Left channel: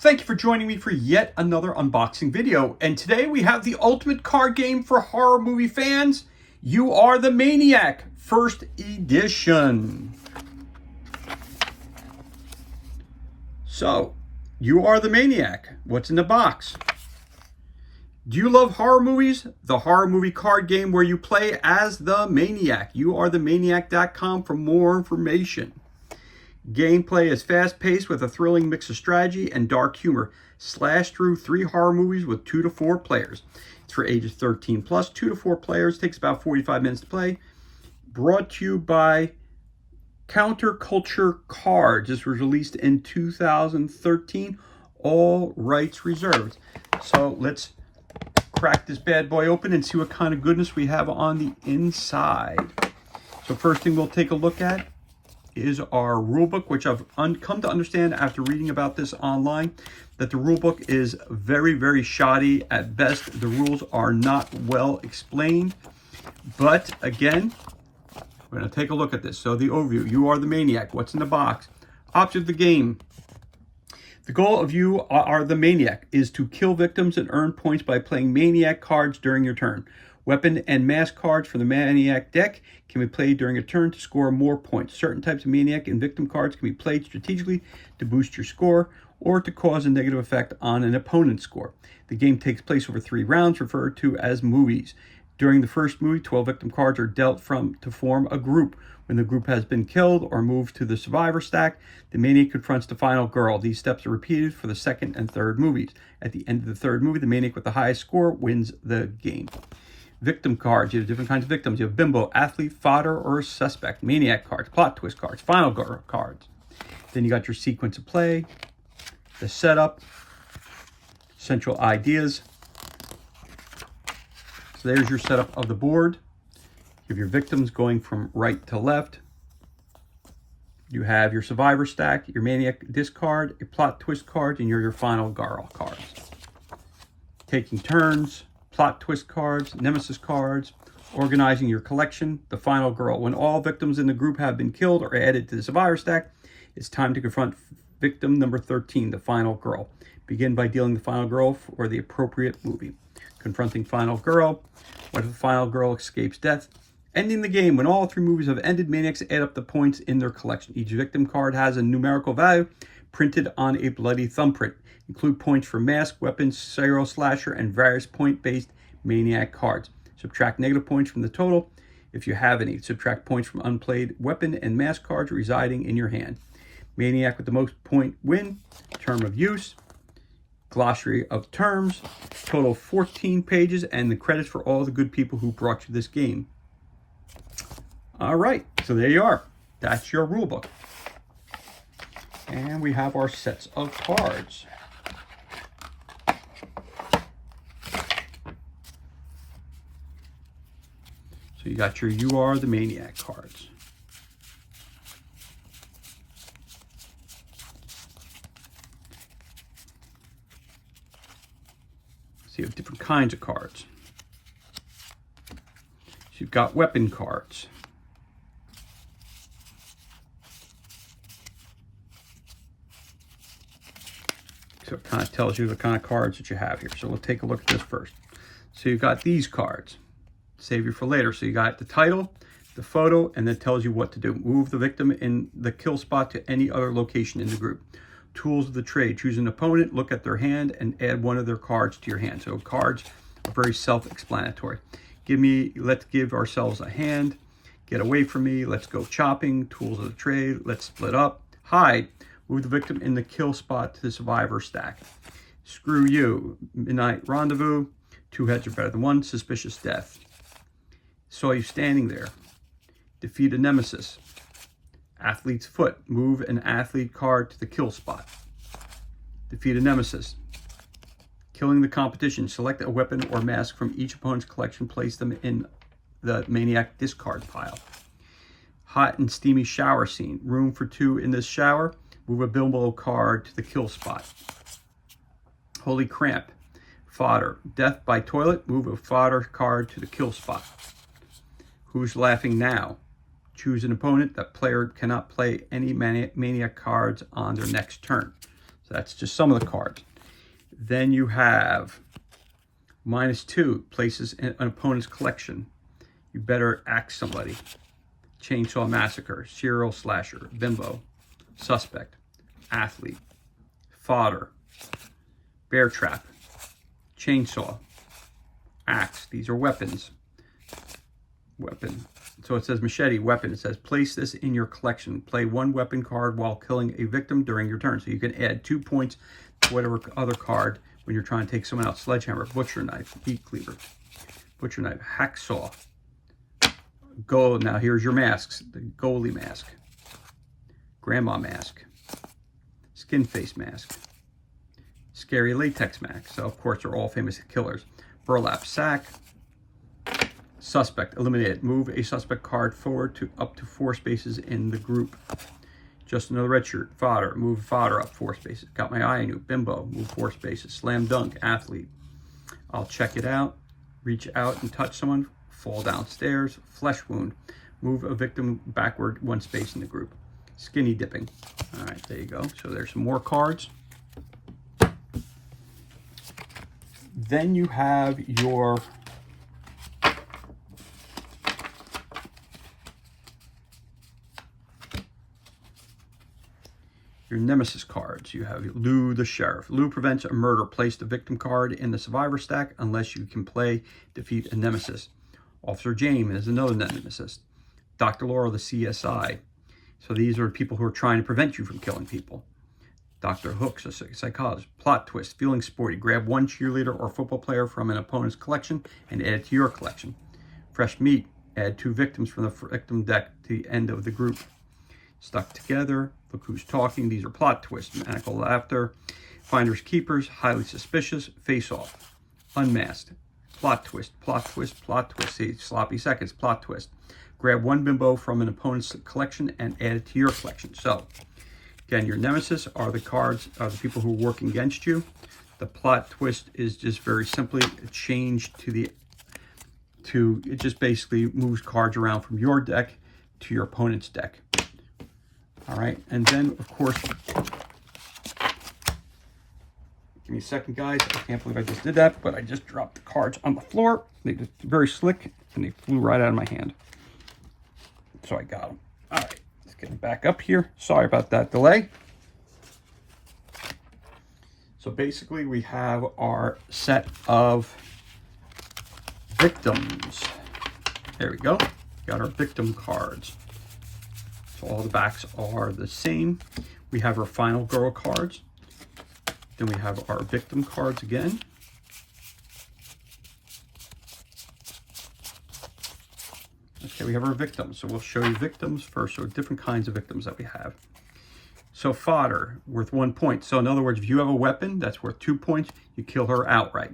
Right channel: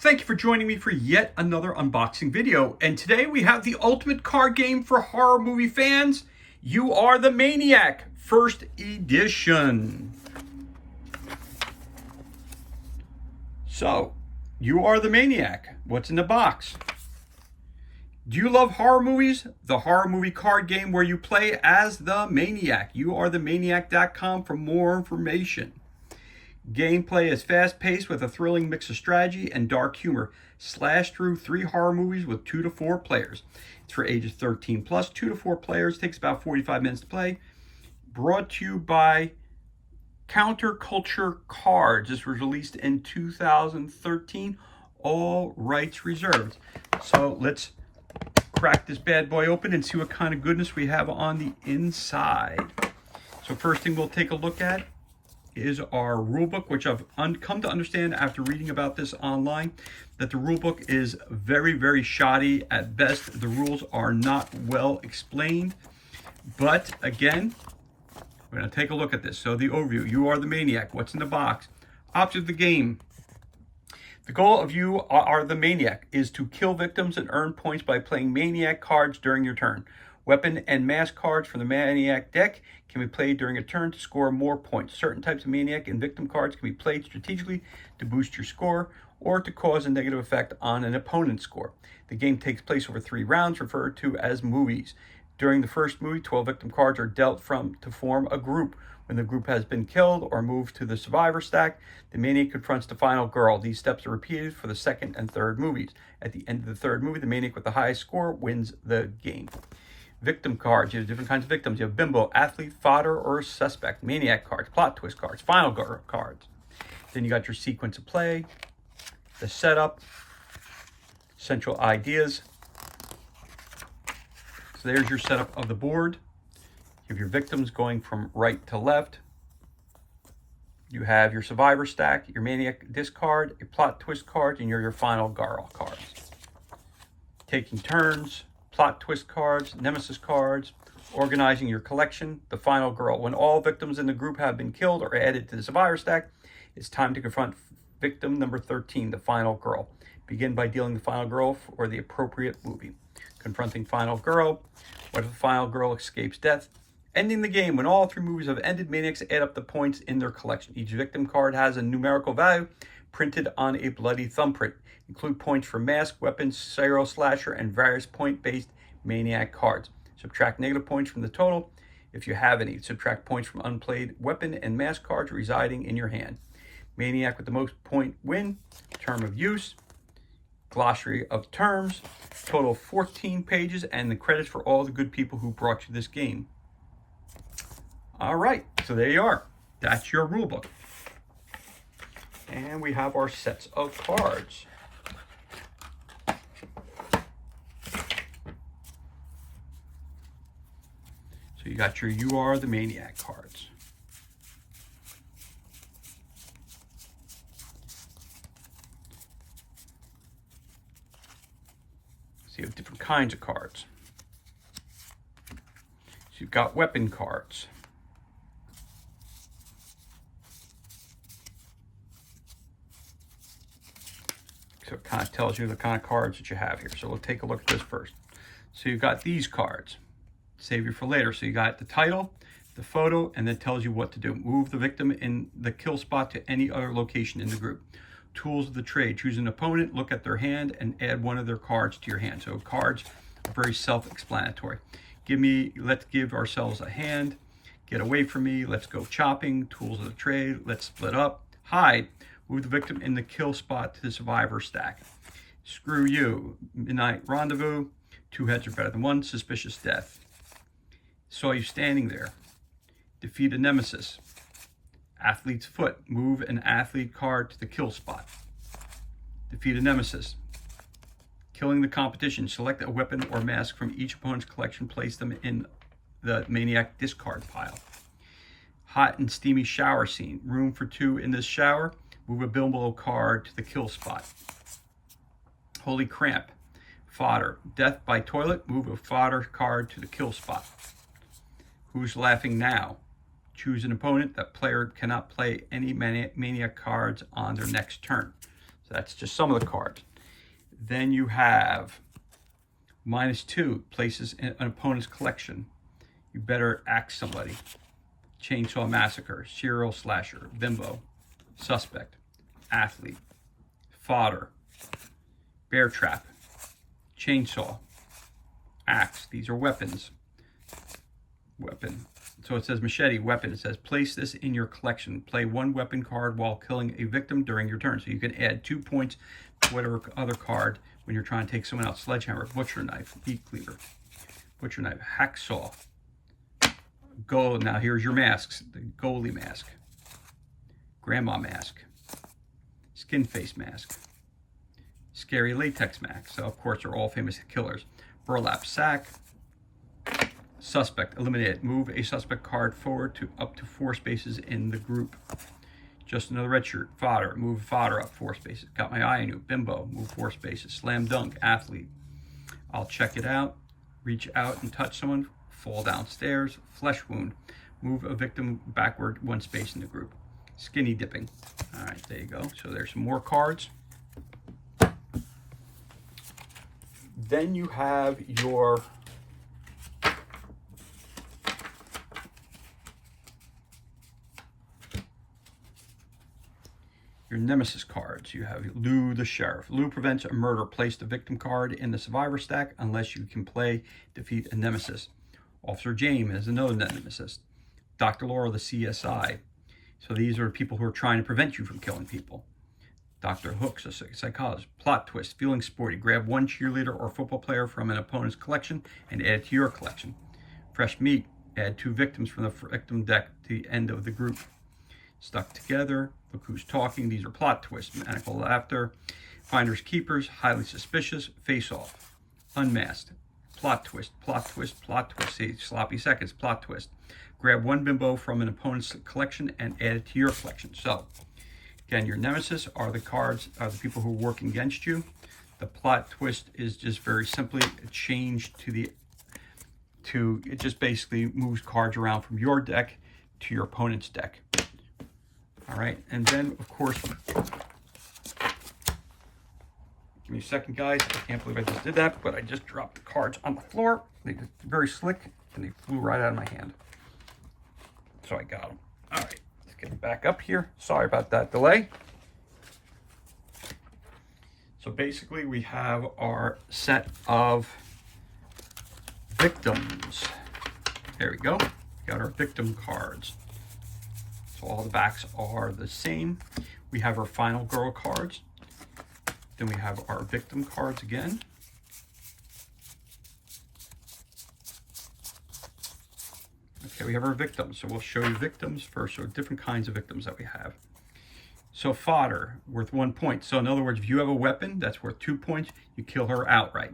Thank you for joining me for yet another unboxing video. And today we have the ultimate card game for horror movie fans. You Are the Maniac, first edition. So, You Are the Maniac. What's in the box? Do you love horror movies? The horror movie card game where you play as the Maniac. YouAreTheManiac.com for more information. Gameplay is fast-paced with a thrilling mix of strategy and dark humor. Slash through 3 horror movies with 2 to 4 players. It's for ages 13 plus, 2 to 4 players. Takes about 45 minutes to play. Brought to you by Counterculture Cards. This was released in 2013. All rights reserved. So let's crack this bad boy open and see what kind of goodness we have on the inside. So first thing we'll take a look at is our rulebook, which I've come to understand after reading about this online, that the rulebook is very, very shoddy at best. The rules are not well explained. But again, we're going to take a look at this. So the overview, You Are the Maniac. What's in the box? Object of the game. The goal of You Are the Maniac is to kill victims and earn points by playing Maniac cards during your turn. Weapon and mask cards from the Maniac deck can be played during a turn to score more points. Certain types of Maniac and victim cards can be played strategically to boost your score or to cause a negative effect on an opponent's score. The game takes place over 3 rounds, referred to as movies. During the first movie, 12 victim cards are dealt to form a group. When the group has been killed or moved to the survivor stack, the Maniac confronts the final girl. These steps are repeated for the second and third movies. At the end of the third movie, the Maniac with the highest score wins the game. Victim cards. You have different kinds of victims. You have bimbo, athlete, fodder, or suspect. Maniac cards, plot twist cards, final girl cards. Then you got your sequence of play, the setup, central ideas. So there's your setup of the board. You have your victims going from right to left. You have your survivor stack, your Maniac discard, your plot twist card, and your final girl cards. Taking turns. Plot twist cards, nemesis cards, organizing your collection, the final girl. When all victims in the group have been killed or added to the survivor stack, it's time to confront victim number 13, the final girl. Begin by dealing the final girl for the appropriate movie. Confronting final girl. What if the final girl escapes death? Ending the game. When all 3 movies have ended, Maniacs add up the points in their collection. Each victim card has a numerical value printed on a bloody thumbprint. Include points for mask, weapons, serial slasher, and various point-based Maniac cards. Subtract negative points from the total if you have any. Subtract points from unplayed weapon and mask cards residing in your hand. Maniac with the most point win. Term of use. Glossary of terms. Total 14 pages, and the credits for all the good people who brought you this game. All right, so there you are. That's your rule book. And we have our sets of cards. So you got your You Are the Maniac cards. So you have different kinds of cards. So you've got weapon cards. So it kind of tells you the kind of cards that you have here. So we'll take a look at this first. So you've got these cards. Save you for later. So you got the title, the photo, and it tells you what to do. Move the victim in the kill spot to any other location in the group. Tools of the trade. Choose an opponent, look at their hand, and add one of their cards to your hand. So cards are very self-explanatory. Let's give ourselves a hand. Get away from me. Let's go chopping. Tools of the trade. Let's split up. Hide. Move the victim in the kill spot to the survivor stack. Screw you. Midnight rendezvous. 2 heads are better than 1. Suspicious death. Saw you standing there. Defeat a nemesis. Athlete's foot. Move an athlete card to the kill spot. Defeat a nemesis. Killing the competition. Select a weapon or mask from each opponent's collection. Place them in the Maniac discard pile. Hot and steamy shower scene. Room for 2 in this shower. Move a bimbo card to the kill spot. Holy cramp. Fodder. Death by toilet. Move a fodder card to the kill spot. Who's laughing now? Choose an opponent. That player cannot play any Maniac cards on their next turn. So that's just some of the cards. Then you have -2, places in an opponent's collection. You better axe somebody. Chainsaw Massacre, Serial Slasher, Bimbo, Suspect, Athlete, Fodder, Bear Trap, Chainsaw, Axe. These are weapons. Weapon. So it says machete, weapon. It says place this in your collection. Play 1 weapon card while killing a victim during your turn. So you can add 2 points to whatever other card when you're trying to take someone out. Sledgehammer, butcher knife, meat cleaver, butcher knife, hacksaw. Go. Now here's your masks. The goalie mask, grandma mask, skin face mask, scary latex mask. So of course they're all famous killers. Burlap sack. Suspect, eliminated. Move a suspect card forward to up to 4 spaces in the group. Just another red shirt. Fodder, move fodder up 4 spaces. Got my eye on you. Bimbo, move 4 spaces. Slam dunk, athlete. I'll check it out. Reach out and touch someone. Fall downstairs. Flesh wound, move a victim backward 1 space in the group. Skinny dipping. All right, there you go. So there's some more cards. Then you have your nemesis cards. You have Lou the Sheriff. Lou prevents a murder. Place the victim card in the survivor stack unless you can play defeat a nemesis. Officer James is another nemesis. Dr. Laura, the CSI. So these are people who are trying to prevent you from killing people. Dr. Hook's a psychologist. Plot twist, feeling sporty. Grab 1 cheerleader or football player from an opponent's collection and add it to your collection. Fresh meat, add 2 victims from the victim deck to the end of the group. Stuck together, look who's talking. These are plot twists. Maniacal laughter, finders keepers, highly suspicious, face off, unmasked, plot twist, plot twist, plot twist. See, sloppy seconds, plot twist. Grab 1 bimbo from an opponent's collection and add it to your collection. So again, your nemesis are the cards, are the people who are working against you. The plot twist is just very simply a change it just basically moves cards around from your deck to your opponent's deck. All right, and then of course, give me a second, guys. I can't believe I just did that, but I just dropped the cards on the floor. They were very slick, and they flew right out of my hand. So I got them. All right, let's get it back up here. Sorry about that delay. So basically, we have our set of victims. There we go. Got our victim cards. So all the backs are the same. We have our final girl cards. Then we have our victim cards again. Okay, we have our victims. So we'll show you victims first. So different kinds of victims that we have. So fodder, worth 1 point. So in other words, if you have a weapon that's worth 2 points, you kill her outright.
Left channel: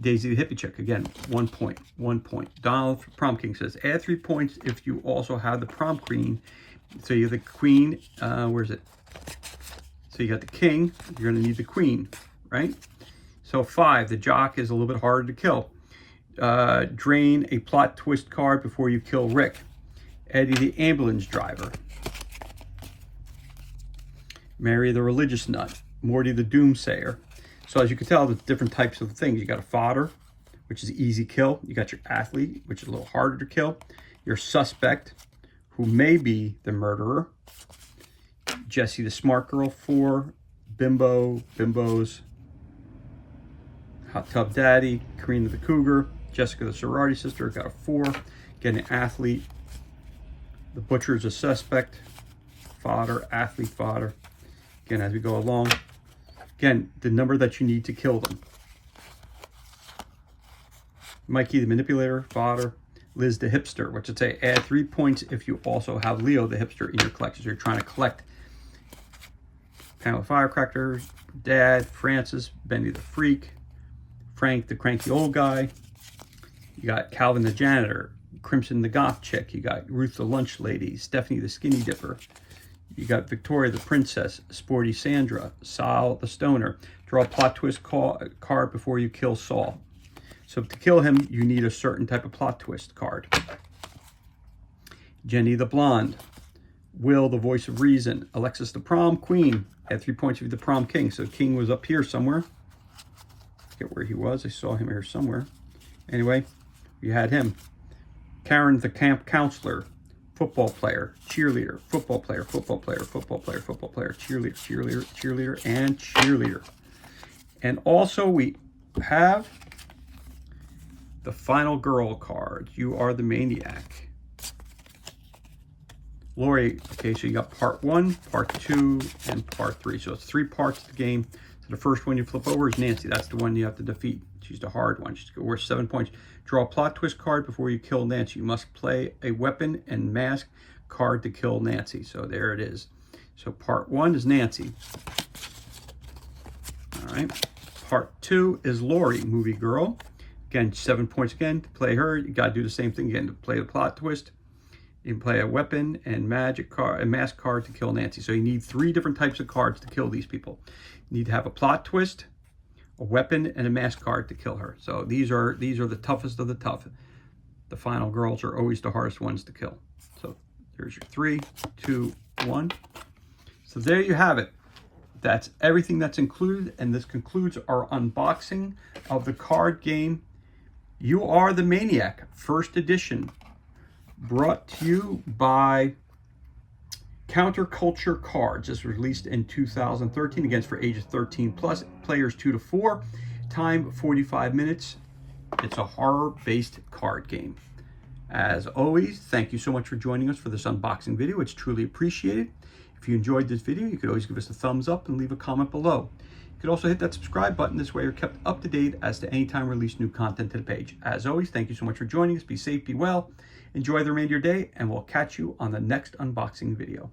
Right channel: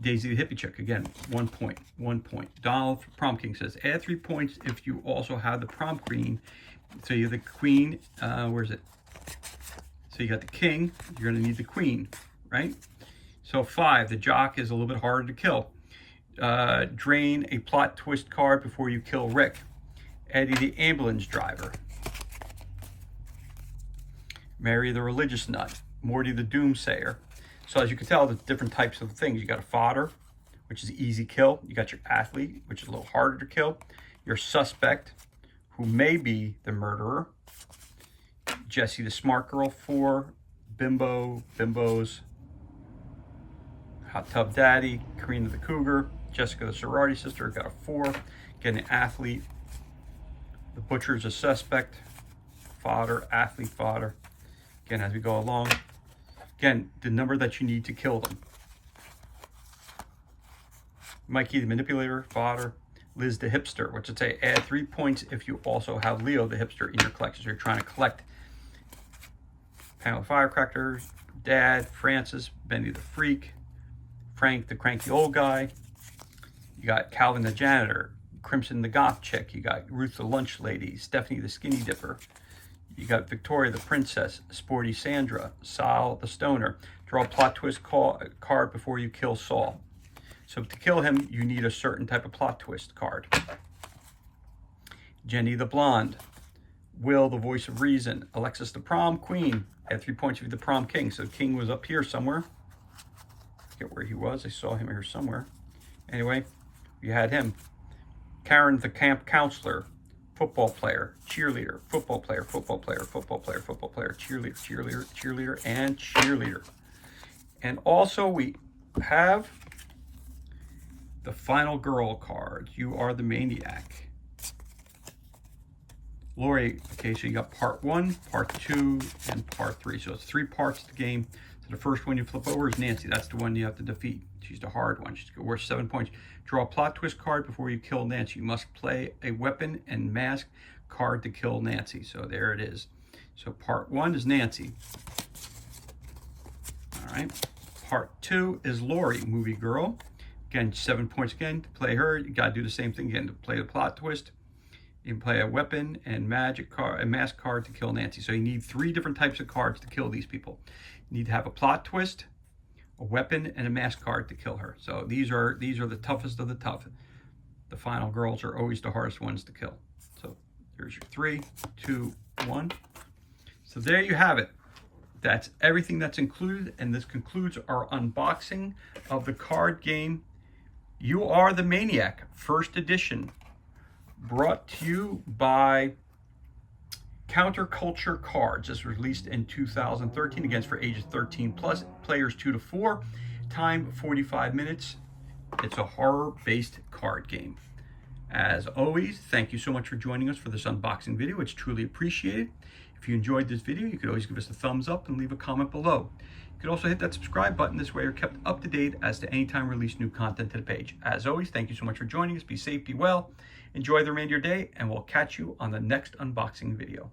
Daisy the hippie chick, again, 1 point, 1 point. Donald Prom King says, add 3 points if you also have the prom queen. So you have the queen, where is it? So you got the king, you're gonna need the queen, right? So 5, the jock is a little bit harder to kill. Drain a plot twist card before you kill Rick. Eddie the ambulance driver. Mary the religious nut. Morty the doomsayer. So as you can tell, there's different types of things. You got a fodder, which is easy kill. You got your athlete, which is a little harder to kill. Your suspect, who may be the murderer. Jessie the smart girl, 4. Bimbo's hot tub daddy. Karina the cougar. Jessica the sorority sister, got a 4. Again, an athlete. The butcher is a suspect. Fodder, athlete, fodder. Again, as we go along. Again, the number that you need to kill them. Mikey the manipulator, fodder. Liz the hipster, which would say add 3 points if you also have Leo the hipster in your collection. So you're trying to collect. Pamela Firecracker, Dad, Francis, Benny the freak, Frank the cranky old guy. You got Calvin the janitor, Crimson the goth chick. You got Ruth the lunch lady, Stephanie the skinny dipper. You got Victoria the princess, Sporty Sandra, Sal the stoner. Draw a plot twist card before you kill Saul. So to kill him, you need a certain type of plot twist card. Jenny the blonde, Will, the voice of reason. Alexis, the prom queen. Had 3 points for the prom king. So the king was up here somewhere. I forget where he was. I saw him here somewhere. Anyway, you had him. Karen, the camp counselor. Football player, cheerleader, football player, football player, football player, football player, cheerleader, cheerleader, cheerleader, and cheerleader. And also we have the final girl card. You are the maniac. Lori, okay, so you got part 1, part 2, and part 3. So it's 3 parts of the game. So the first one you flip over is Nancy. That's the one you have to defeat. She's the hard one. She's worth 7 points. Draw a plot twist card before you kill Nancy. You must play a weapon and mask card to kill Nancy. So there it is. So part 1 is Nancy. All right. Part 2 is Lori, movie girl. Again, 7 points again to play her. You got to do the same thing again to play the plot twist. You can play a weapon and magic card, a mask card to kill Nancy. So you need 3 different types of cards to kill these people. You need to have a plot twist, a weapon, and a mask card to kill her. So these are the toughest of the tough. The final girls are always the hardest ones to kill. So here's your 3, 2, 1. So there you have it. That's everything that's included, and this concludes our unboxing of the card game You Are the Maniac, first edition, brought to you by Counterculture Cards. This was released in 2013, against for ages 13 plus, players 2 to 4, time 45 minutes. It's a horror-based card game. As always, thank you so much for joining us for this unboxing video. It's truly appreciated. If you enjoyed this video, you could always give us a thumbs up and leave a comment below. You could also hit that subscribe button. This way you're kept up to date as to any time we release new content to the page. As always, thank you so much for joining us. Be safe, be well, enjoy the remainder of your day, and we'll catch you on the next unboxing video.